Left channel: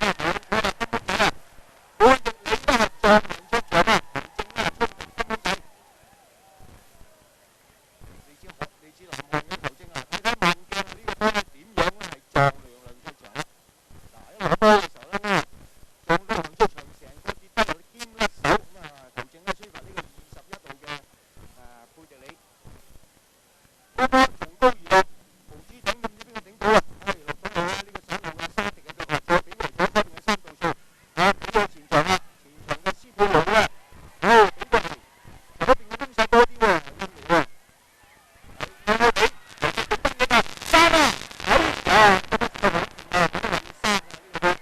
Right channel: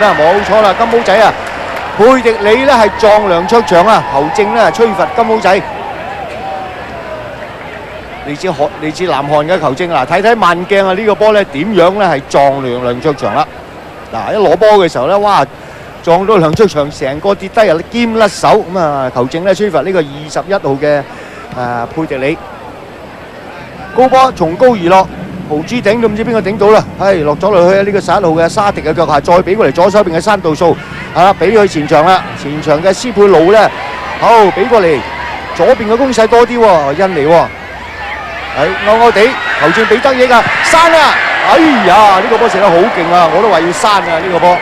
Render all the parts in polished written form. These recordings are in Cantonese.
冇錯啦，金毛仔啊，佩迪里咧係撞梁卓祥啊，球證咧吹罰金毛仔。嚟自南韓嘅球證嗱，睇睇慢鏡啊，呢個波咧點樣咧係撞梁卓祥啦。嗱，一攞波嘅時候咧，哇！撞到梁卓祥成個跌低啊，兼甩手咁啊！球證咧吹罰呢個21號嘅佩迪里。高波從高而落，豪豬頂都唔知邊個頂到啦，落咗落去啊！呢個11號嘅沙迪嘅腳下，再俾過嚟左手邊嘅山道數俾佢前場啦，前場嘅斯佩魯咧，好俾過嚟左邊嘅攻勢多啲喎，印尼喎，勾勾地，球證俾得益啊，刪啊！哎呀，呢個波射得好勁啊，我都話要刪啊呢個波。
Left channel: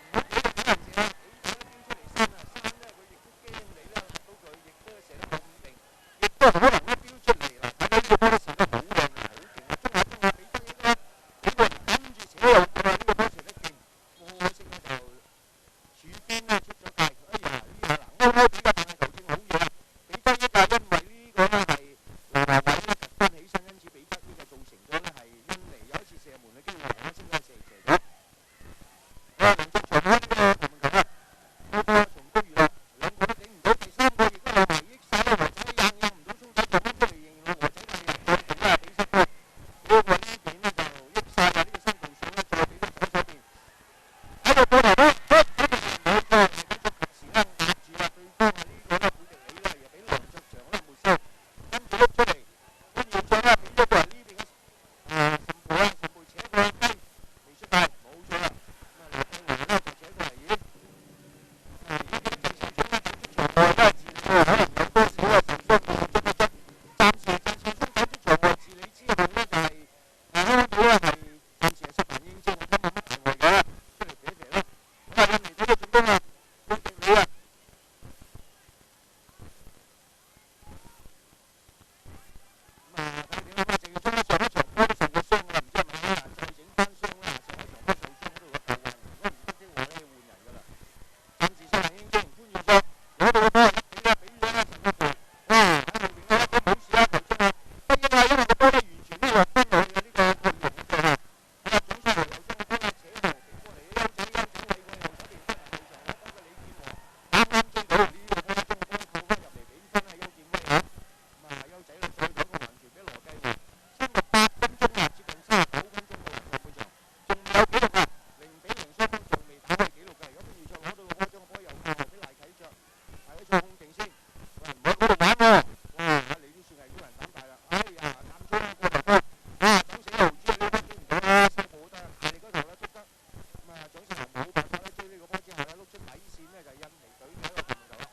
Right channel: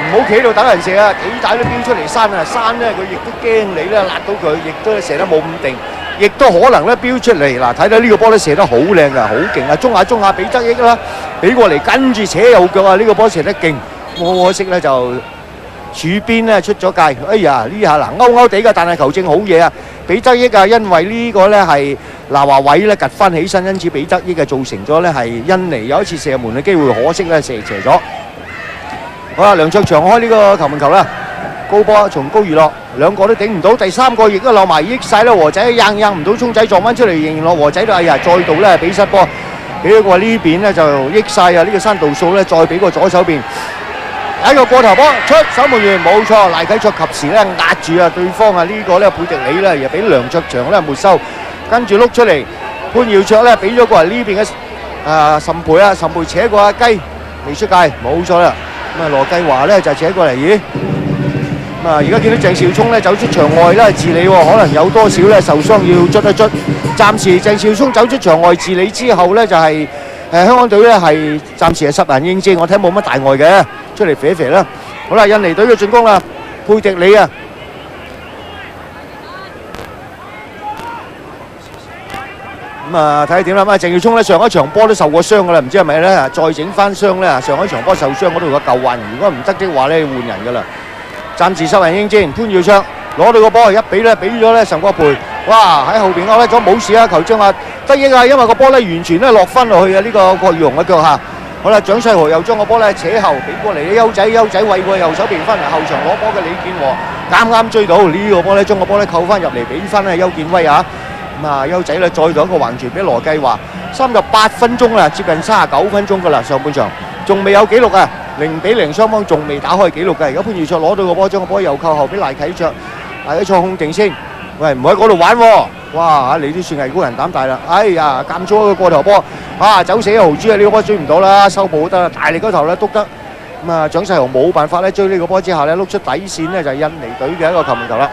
唔好企喺度等人射啊！幾大都飆出嚟閂啊！閂咧佢亦都驚你咧，辣到佢，亦都射得冇咁定，亦都可能咧飆出嚟。嗱，睇到呢個波咧射得好靚噶，好勁啊！中下俾得益啦，俾過嚟跟住扯右腳啊！呢個波射得勁，可惜咧就柱邊咧出咗界。哎呀，呢下嗱勾地噶，但係球證好嘢啊！俾得益啊，因為呢個咧係嗱華偉咧趌翻起身，因此俾得益啊，造成咗咧係印尼有一次射門嘅機會，可惜咧射斜咗。好啦，梁卓祥開呢個球門球啦，高波從高而落，兩個都頂唔到，第三個亦都漏埋益晒啦，和仔硬唔到，聰仔撞翻出嚟，仍然落和仔度，哎呀，再度咧俾失波，俾咗個呢邊咧就益晒啊！呢個山道數咧再俾個左手邊，一個過頭波出守門員冇錯，賴啟卓及時咧壓住啊對方啊呢個咧佩迪里咧又俾梁卓祥咧沒收，跟住碌出嚟，潘耀卓咧俾咗過嚟呢邊嘅岑培啊，岑培扯過阿雞未出界，冇錯啦。咁啊羅繼華咧就扯過嚟，咦？咁啊而家見到鄭少聰咧走出場外咧治理喎，可能有多少咧受傷要捽一捽。暫時鄭少聰走出場外治理之後咧就係香港隊咧係暫時係10人應戰，我睇冇乜大礙嘅，出嚟肥一肥啦。好啦，印尼隊嘅進攻啦，佩迪里啊。咁啊睇下點啦，咁啊鄭少聰咧上一場波都受過傷噶啦，唔知係咪咧再整翻傷咧？上一場波受傷嗰度嘅舊患，如果唔得的話咧換人噶啦。暫時10人應戰，潘耀卓攞到個波一俾咧俾咗咧岑國培，哇喺後邊勾甩咗冇事啊！球證話得益啊，因為個波咧完全咧落翻落去啊！呢個郭宇雄嘅腳下。好啦，蔣世豪又將個波咧扯後俾過嚟，優仔餵過右手邊翻嚟後場攞波嘅李健和啱啱追到呢個波咧，將個波咧扣翻入嚟俾翻咧邱建威啊！咁啊，優仔咧再度一個橫傳俾羅繼華，38分鐘啦，接近39分鐘噶啦，上半場仲未有紀錄啊，0-0雙方仲未打開紀錄嘅。而家潘耀卓攞到個波，將個波又扣後俾賴啟卓，賴啟卓控定先，喂唔好喺嗰度玩喎，哇你都算係高人膽大啦，哎呀監咗個過頭波，走死豪豬啊！呢個波追唔到啦，收補得啦，大力嗰頭咧篤得，咁啊蔣世豪冇辦法咧追呢個波之下咧碌出底線咧就係印尼隊嘅一個球門球啦。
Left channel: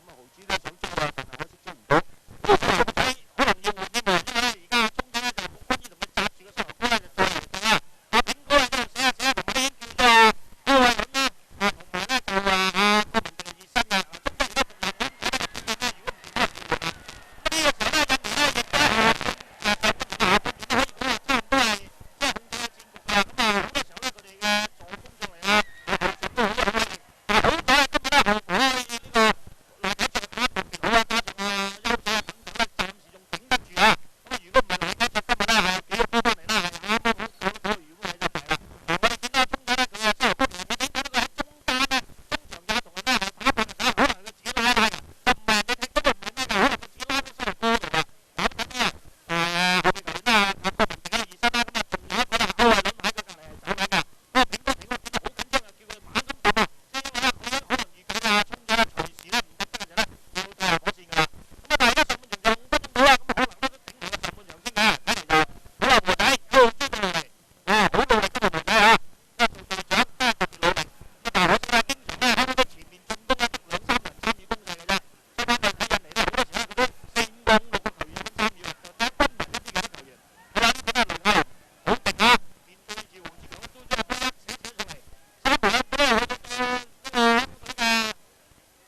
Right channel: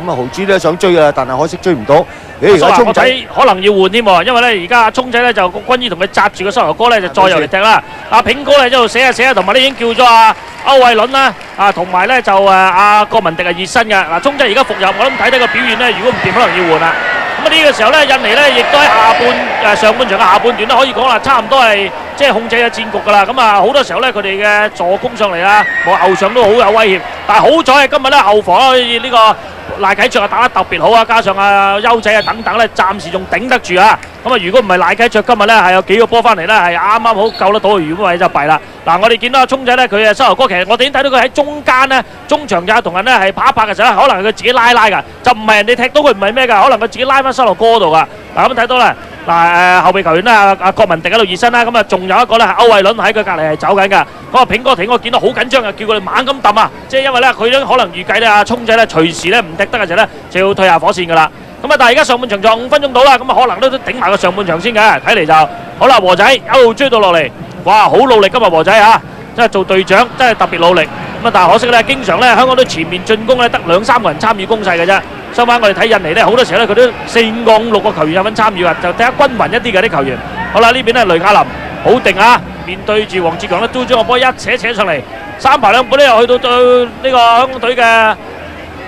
咁啊，豪豬咧想追啊，但係可惜追唔到。而家聰仔可能要換添喎，因為咧而家聰仔咧就軍醫同佢紮住個膝頭哥咧，就再入嚟踢啦。阿炳哥咧一路寫下，同埋咧已經叫咗阿歐偉倫啦，同埋咧就阿郭文迪係熱身嘅。嗱，聰仔而家復入，我諗睇睇個表現咧，如果唔掂，可能要換啦。咁啊呢個時候咧，印尼咧亦都喺上半場嘅下半段咧，可以講啦，差唔多係即係控制咗戰局㗎啦。咁啊好多時候咧，佢哋嘅助攻上嚟啊，後上都好有威脅。但係好彩係今日咧後防可以呢個賴啟卓打得特別好啊，加上優仔等等咧，暫時仲頂得住啊。咁啊，如果唔係賴啟卓今日咧係有幾個波翻嚟咧，係啱啱好救得到，如果唔係就弊啦。嗱，我哋見到阿聰仔咧，佢嘅膝頭哥其實我哋已經睇到佢喺中間咧，中場也同人咧係拍一拍嘅時候，可能佢自己拉㗎，就唔係人哋踢到佢唔係咩㗎，可能佢自己拉翻膝頭哥度㗎。嗱咁睇到啦，嗱後備球員咧阿郭文迪喺度熱身啦，咁啊仲有一個咧係歐偉倫喺佢隔離係走緊㗎。咁啊炳哥挺我見到好緊張啊，叫佢哋猛咁揼啊，即係因為咧佢都可能預計咧阿聰仔咧隨時咧唔踢得嘅時候咧就要退下火線㗎啦。咁啊，但係而家上半場仲5分鐘到啦，咁啊可能都頂埋個上半場先嘅，睇嚟就好啦。和仔一路追到落嚟，哇，好努力今日和仔嚇，真係做隊長真係特別努力。咁啊，但係可惜咧，經常咧香港隊前面進攻咧得2-3個人參與攻勢嘅啫。相反我哋睇印尼咧，好多時候咧佢都4、5個、5、6個球員有份參與啊，就睇下均勻一啲嘅啲球員。好啦，呢邊咧雷亞林好定啊，面對住黃志強咧都將個波一扯上嚟，3排2補咧又去到對呢個香港隊嘅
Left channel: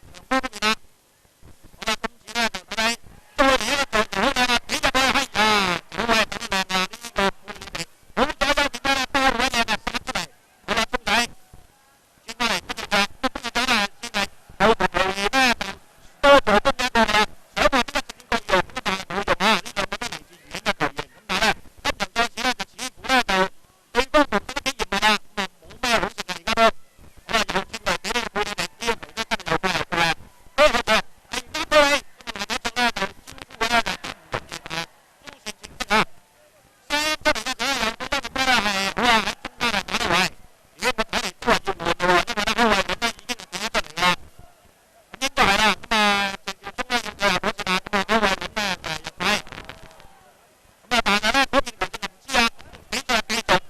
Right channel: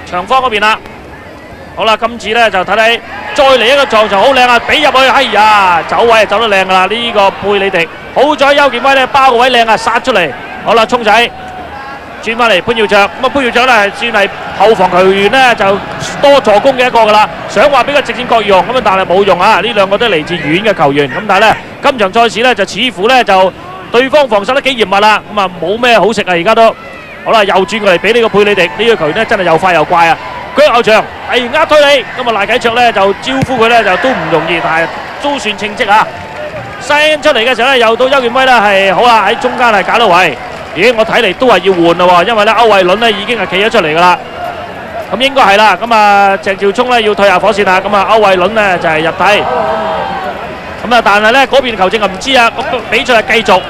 長方嗰邊啦。好啦，今次咧就睇睇，再嚟一個撞球好靚啊！俾入去，哎呀，走位走得靚噶啦！呢個貝里迪，好在邱健威咧包個位靚啊，殺出嚟。好啦，聰仔轉翻嚟潘耀卓，咁啊潘耀卓咧算係後防球員咧就多助攻嘅一個噶啦。想話俾個直線角用，咁啊但係冇用啊！呢兩個都嚟自遠嘅球員，咁但係咧今場賽事咧就似乎咧就對方防守得幾嚴密啦，咁啊冇咩好食啊，而家都好啦，又轉過嚟俾呢個佩里迪，呢個球員咧真係又快又怪啊！腳後場係呃推你，咁啊賴啟卓咧就招呼佢咧就都唔容易，但係都算稱職啊！send 出嚟嘅時候咧，又到邱建威啦，係好啦喺中間係搞到位。咦，我睇嚟都係要換啦喎，因為咧歐偉倫咧已經係企咗出嚟噶啦。咁應該係啦，咁啊鄭兆聰咧要退下火線啦，咁啊歐偉倫咧就係入替。咁啊，但係咧嗰邊球證啊唔知啊，咁比賽係繼續。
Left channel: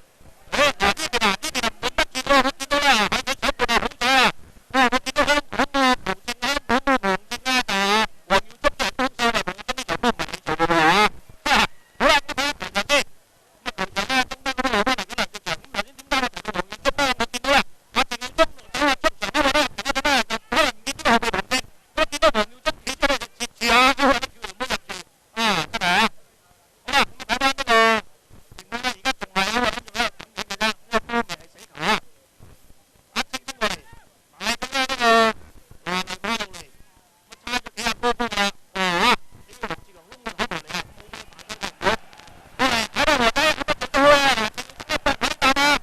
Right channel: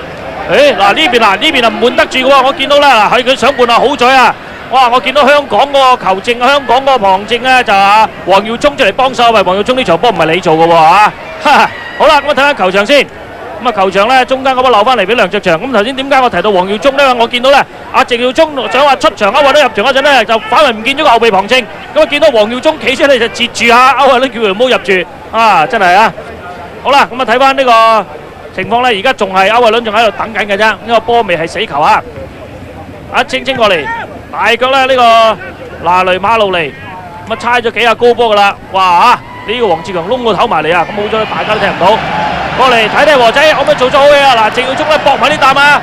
誒嗱呢邊啊唔換得住嘅喎，我見到啦嗱，係佢想換啊，好彩啊！哇，我見到香港嗰個球證，香港嗰個旁證咧就啊黃耀聰出嚟幫手，喂黃耀聰呢場波唔係你做嘅喎嚇。好啦，咁我睇下球場先。咁啊球場咧中間嗰波留翻嚟俾梁卓祥。咁頭先點解我提到黃耀聰咧？我見到咧阿鄭耀聰想話出場歐偉倫入場嗰陣咧，就反為唔見咗個後備旁證。咁啊見到黃耀聰企出嚟就截住下歐偉倫，叫佢唔好入住。啊，真係啊！好啦，咁啊睇翻呢個情況咧，而家仲係歐偉倫仲喺度等緊嘅啫，呢個波未係死球啊！阿清清過嚟，大腳咧呢個拿雷馬路尼，咁啊猜咗幾下高波噶啦，哇嚇！呢個黃志強窿個頭埋嚟啊，咁好咗大家都聽唔到。過嚟睇睇和仔可唔可以做咗好嘢啊！嗱，鄭耀聰咧搏埋呢啖啊，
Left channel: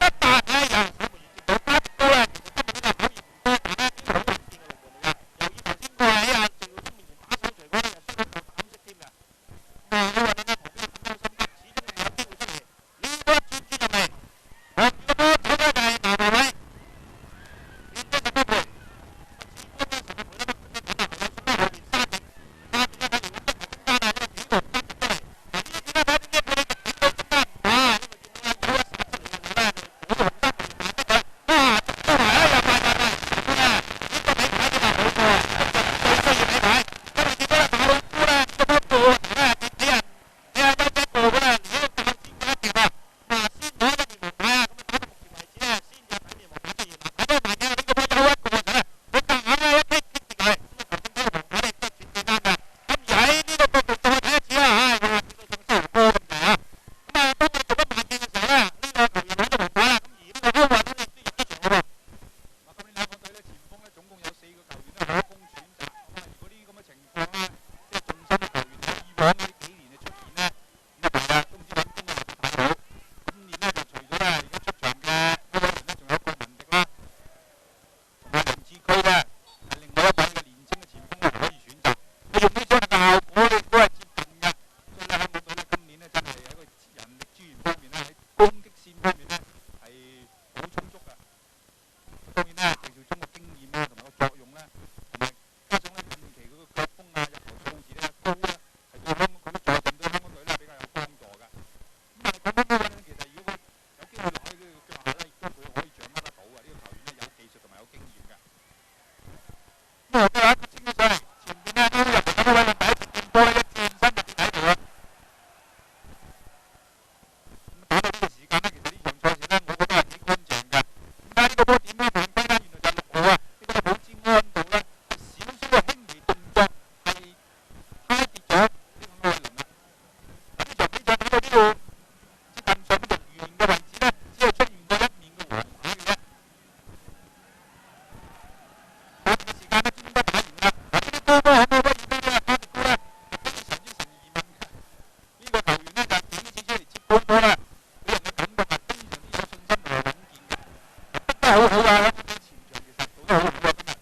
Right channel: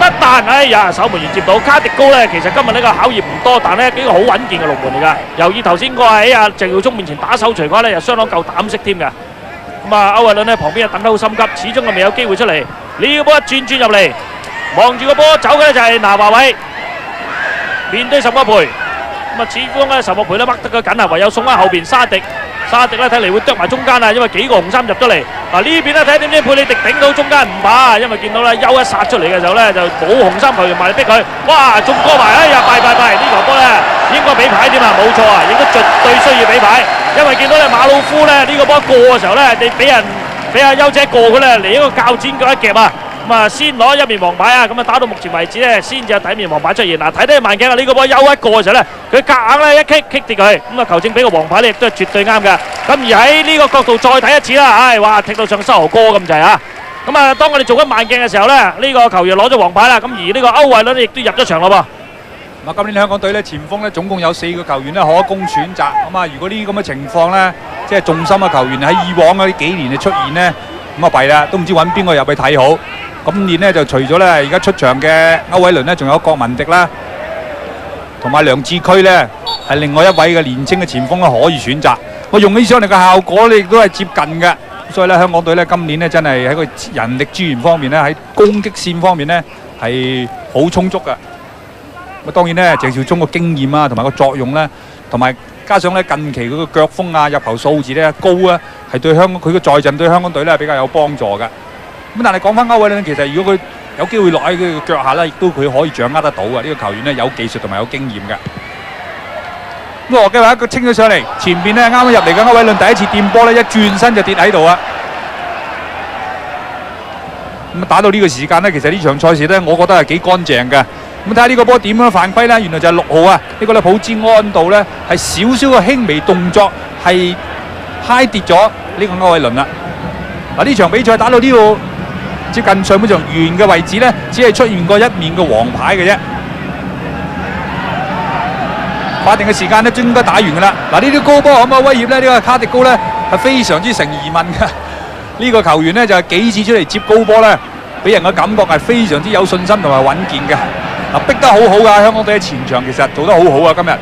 得彈！哎呀，守門員接到卡迪高咧，其實今日呢個考驗唔多，但咧幾個好穩健嘅龍門嚟㗎。由於頭先個喺阿鄭耀聰面前打手錘嘅話咧，又相當夠膽識添㗎。咁啊，歐偉倫咧旁邊啊等得好心急，始終係未有機會出嚟。呢個波一轉入嚟，望住個波走嘅咧就係拿華偉，面對岑國培。咁啊，始終咧岑國培咧掹得佢緊啊，唯有送翻後邊沙迪。沙迪咧睇嚟會啄埋中間啊，因為幾個紅衫入咗嚟。嗱呢邊咧睇點知佩里迪頂到中間唔怕，因為見到咧休一殺出嚟嘅時候咧就冇紅衫球員埋嚟逼佢。哇，中過埋，哎呀弊！呢球波咧應該俾牌添啊，冇錯啊，亦都絕對需要俾牌。因為見到咧馬魯夫咧呢個波過嘅時候咧，你俾阿優姐過佢咧嚟一個鉸剪腳一夾啊，咁啊先攞一面黃牌啊，咁啊打到目前為止咧先至有第一面黃牌出現。嗱睇睇慢鏡啊，呢個波休一過嘅時候咧，佢夾硬咧一棘跌佢，咁啊球證俾個黃牌咧亦都係絕對啱㗎。咁而喺呢個角度再睇一次啦，唉哇踢到上膝頭哥咁滯啊！咁啊當我哋做緊慢鏡嘅時候咧，呢個球員攞咗黃牌啦，咁而呢個歐偉倫亦都入咗場咯噃。今年香港隊咧前鋒咧總共有4個球員咧可供選擇。咁啊，如果呢啲咁嘅情況咧，即係重心嘅球員喺以往嗰啲幾年嘅出現咧，咁啊弊啦，都唔知揾邊個入去睇好。今年咧就除咗咧而家出場嘅歐偉倫咧，仲有郭文迪啦，同埋梁志區咧係另外一位嘅年青嘅前鋒咧可以選擇。我用起上嚟嘅效果咧亦都係接近嘅，所以咧香港隊咧今年咧真係喺個人力資源方面咧喺攻擊線方面咧係好充足嘅。咁當然咧，鄭兆聰個經驗啊，同埋個作用咧，同埋加上咧近期佢個腳風啊、入球數字咧高啊，係對香港佢個在陣對香港隊咧比較有幫助嘅。咁但係講翻歐偉倫，其實如果佢有機會落喺佢腳下咧，亦都佢可以掌握得到嘅。呢個球員咧有技術同埋有經驗嘅。咁何繼華一個清咗上嚟，前邊咧啱啱入嚟嘅歐偉倫第一次掂波咧，一轉身就跌喺度啊！咁打到呢個時間咧，其實呢場賽事咧，我覺得係幾乾淨嘅。咁睇下呢個波點樣犯規咧？原來就係6號啊！呢個咧普茲安道咧係少少嘅輕微動作係揩跌咗呢個歐偉倫啦。嗱呢場比賽打到呢度接近上半場完嘅位置咧，只係出現過一面嘅黃牌嘅啫。法定嘅時間咧，應該打完㗎啦。嗱呢啲高波可唔可以威脅咧？呢個卡迪高咧係非常之成疑問嘅。呢個球員咧就係幾次出嚟接高波咧，俾人嘅感覺係非常之有信心同埋穩健嘅。逼得好好㗎，香港隊喺前場其實做得好好啊！今日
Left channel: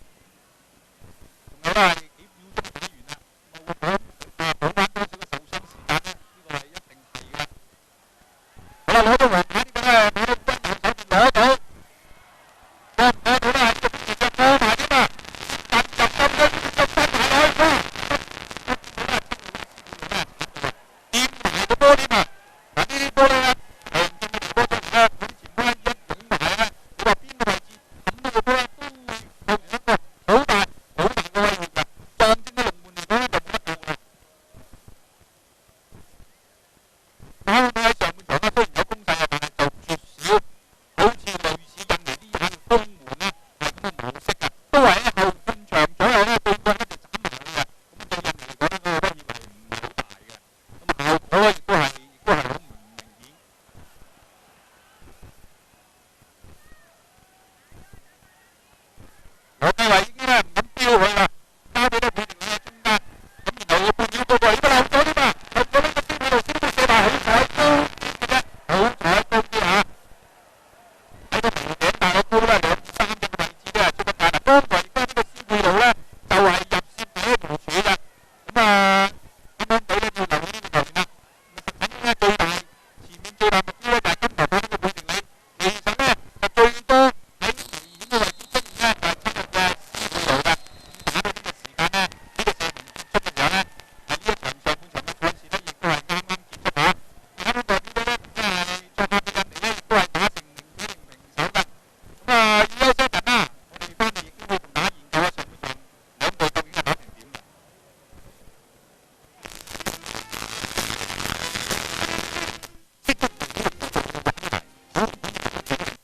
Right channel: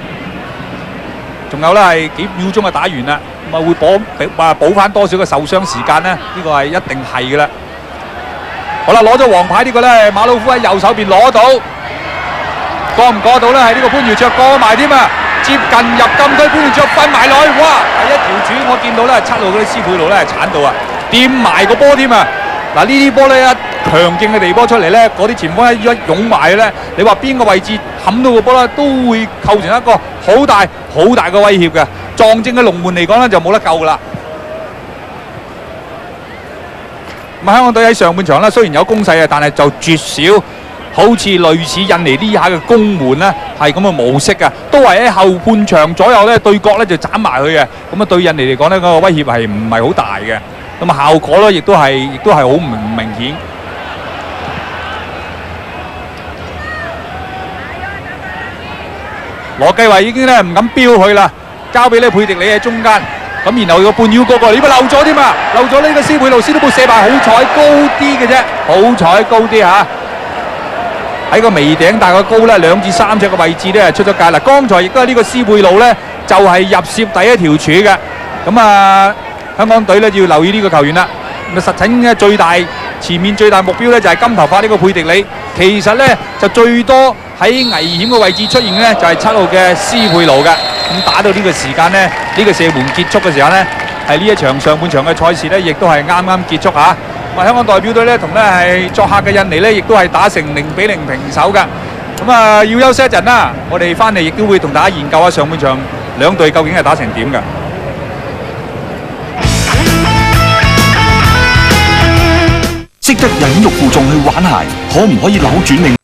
仲有咧係幾秒鐘就打完啦，咁啊會補翻多少嘅受傷時間呢？呢個係一定係㗎啦。好啦，攞咗黃牌呢個咧，馬魯夫喺右手邊攞到，過唔過到咧？係呢個潘耀卓過埋添啊！接近入禁區，潘耀卓瞓埋落去，哇！係一條柱，我見到咧7路嗰啲斯佩路咧鏟到啊，掂埋個波添啊！嗱呢啲波咧一強勁嘅地波出嚟咧，嗰啲前鋒一擁埋咧，你話邊個位置冚到個波咧，都會構成一個好大嘅威脅嘅。撞正嘅龍門嚟講咧，就冇得救噶啦。咁香港隊喺上半場咧，雖然有攻勢啊，但係就絕少好似類似印尼呢下嘅攻門咧，係咁嘅模式啊，都係喺後半場左右咧對角咧就斬埋佢嘅。咁啊對印尼嚟講咧，個威脅係唔係好大嘅。咁啊效果咧，亦都係好唔明顯。羅繼華已經咧唔敢飆佢啦，交俾咧佩迪里喺中間。咁然後個半腰嗰個，你咪漏咗添啊！漏咗呢個斯貝魯斯都冇射埋，好彩高啲嘅啫，好彩高啲嚇。喺個微頂大概高咧2至3尺嘅位置咧出咗界啦。剛才亦都係呢個斯貝魯咧就係入攝第一條柱嘅。咁啊，香港隊咧要留意呢個球員啦。咁啊，實情嘅前面最大目標咧就係金頭髮呢個佩迪里。其實咧就最多喺危險嘅位置出現咧就係7號嘅斯貝魯嘅。咁打到呢個時間咧，呢個射門結束嘅時候咧，係呢一場上半場嘅賽事咧，亦都係啱啱結束嚇。咁香港代表隊咧同咧係作客嘅印尼咧，亦都係打成0-0平手嘅。咁啊，要休息一陣啦，我哋翻嚟亦都會同大家研究下上半場兩隊究竟係打成點嘅。識得忍辱負重去玩鞋，可唔可以扭轉命？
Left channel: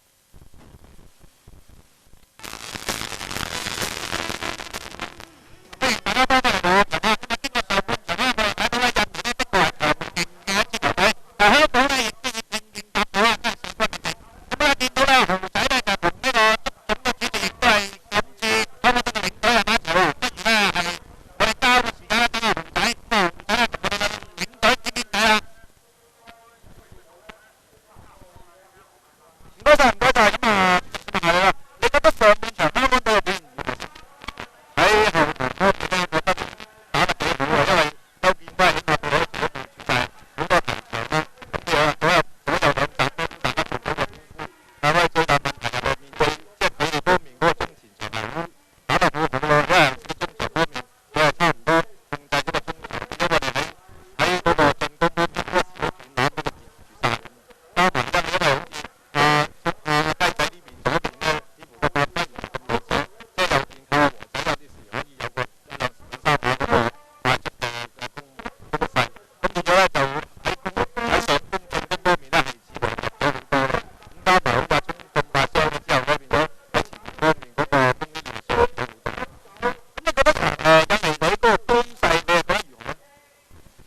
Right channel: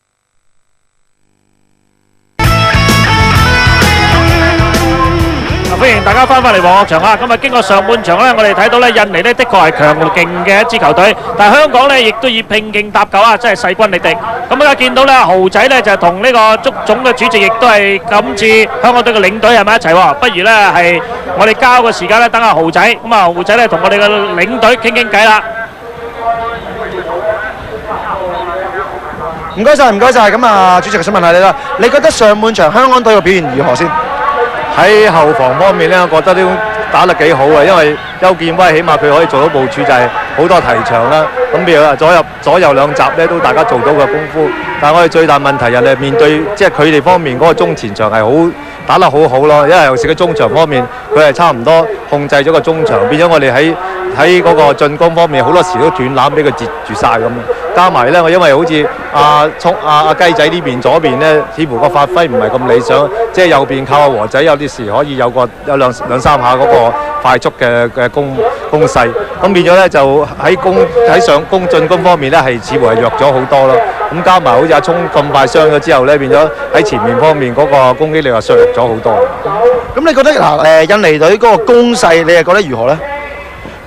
歡迎大家翻返嚟黃學場啊！今日經過上半場咧，我哋睇到咧印尼咧的確係強勁嘅一支球隊，但係香港咧亦都以拼勁搭救啊，真係勢均力敵。咁而家見到咧豪仔咧就同呢個足總嘅主席亦都係今次香港隊嘅領隊係咪一齊喎？不如咧係我哋交個時間咧等下豪仔，咁啊豪仔咧同我哋嘅領隊傾傾偈啦。唔該晒，唔該晒。咁啊，主席想問下你啦，你覺得上半場香港隊嘅表現如何先？喺後防方面咧，我覺得都打得幾好嘅，因為邱建威起碼佢可以做到部署，就係好多提場啦。咁譬如話左右兩閘咧，都大家做到嘅功夫。但係我哋最大問題，人哋面對即係佢哋方面嗰個中前場係好打得好好咯，因為尤其是個中場方面，佢係差唔多控制咗個中場，變咗我哋喺嗰個進攻方面好多時都斷攬俾佢截住晒咁。加埋咧，我因為好似阿雞仔呢邊左邊咧，似乎個發揮唔係咁理想，即係右邊靠阿和仔有啲時可以有兩三下嗰個快速嘅攻勢，咁變咗咧就喺上攻進攻方面咧係似乎係弱咗好多咯。咁加埋好似阿聰咁快傷咗之後咧，變咗喺前面方面嗰個攻擊力又削弱咗好多。咁你覺得嗱印尼隊嗰個攻勢，你係覺得如何咧？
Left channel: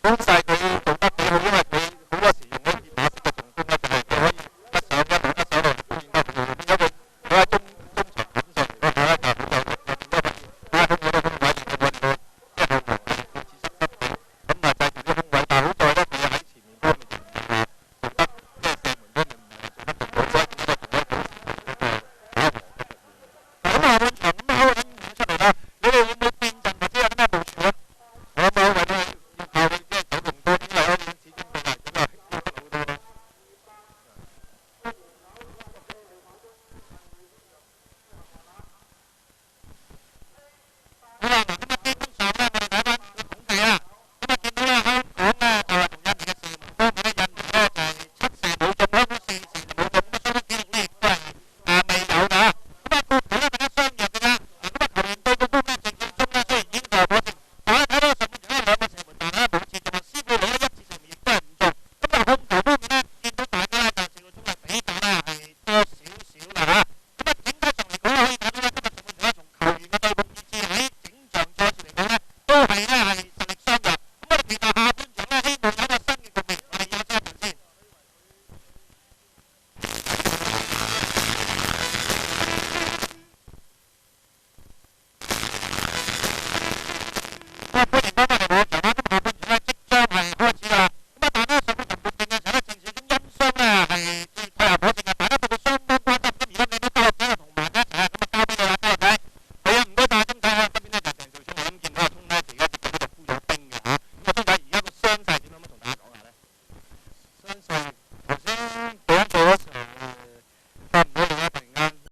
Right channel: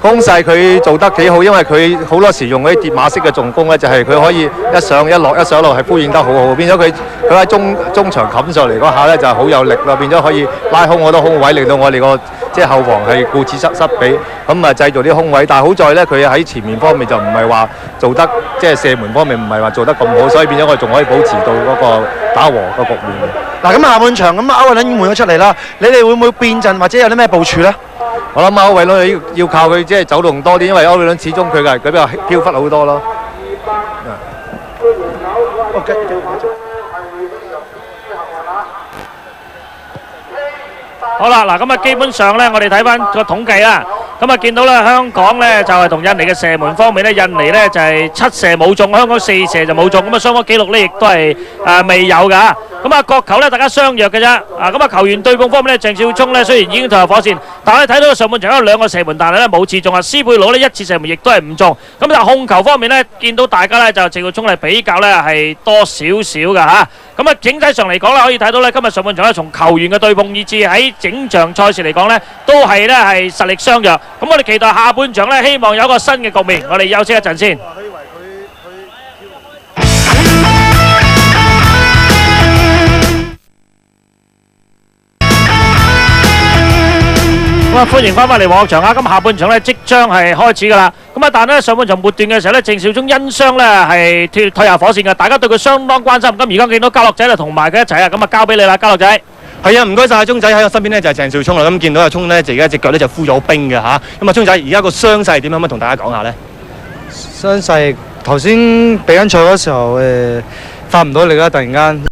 攻勢佢做得幾好，因為佢好多時用嗰啲疊馬式嘅重攻咧，就係佢可以一上一落係呼應得好好，變咗佢喺中場冚上嚟嗰下咧就係好有力啦，變咗可以拉空好多空位，令到我哋個即係後防係顧此失彼，咁啊製造啲空位。但係好在咧，佢喺前面方面就唔係話做得即係射門方面唔係話做得咁好，所以變咗我哋仲可以保持到嗰個打和個局面。嗱，咁下半場咁歐偉倫已經換咗出嚟啦，你哋會唔會變陣或者有啲咩部署咧？我諗歐偉倫要靠佢即係走動多啲，因為歐偉倫始終佢比較飄忽好多咯。好啦，嗱咁啊，基本上咧，我哋睇翻個統計啦，咁啊見到咧香港咧就係同印尼嘅射門方面咧，印尼咧就係7射冇中，香港4射就冇中，咁啊雙方紀錄咧亦都係未有㗎。咁啊角球咧大家相若嘅啫，咁啊球員對碰方面咧，鄭少聰咧雖然已經投入火線，但係睇到上半場有2個射門，但係咧冇刺中啊。斯貝魯咧1次射門亦都係唔中，咁但係控球方面咧，見到大家咧就鄭少聰係比較咧係多少少㗎嚇。咁啊整體上嚟講咧，可以睇到咧今日上半場咧從球員嘅對碰以至喺整場賽事嚟講咧，都係咧係實力相若。咁我哋期待下半場咧，希望有一個新嘅局面。我哋休息一陣先。咁啊，歡迎翻返嚟黃學場啊！咁下半場咧即將係開始㗎啦。咁啊，但係咧上半場末段嘅時候咧，鄭少聰因傷咧係退下火線嘅，大家對佢相當關心。咁而家見到家樂仔就同埋佢一齊啊，咁啊交俾你啦，家樂仔。係啊，唔該晒阿聰仔喺我身邊咧就係鄭少聰啦。咁見到阿聰咧就而家隻腳咧就敷咗冰嘅嚇。咁啊，聰仔而家個傷勢點樣？可唔可以同大家講下咧？傷勢頭先比緊賽嗰時候發唔到力啦，突然間。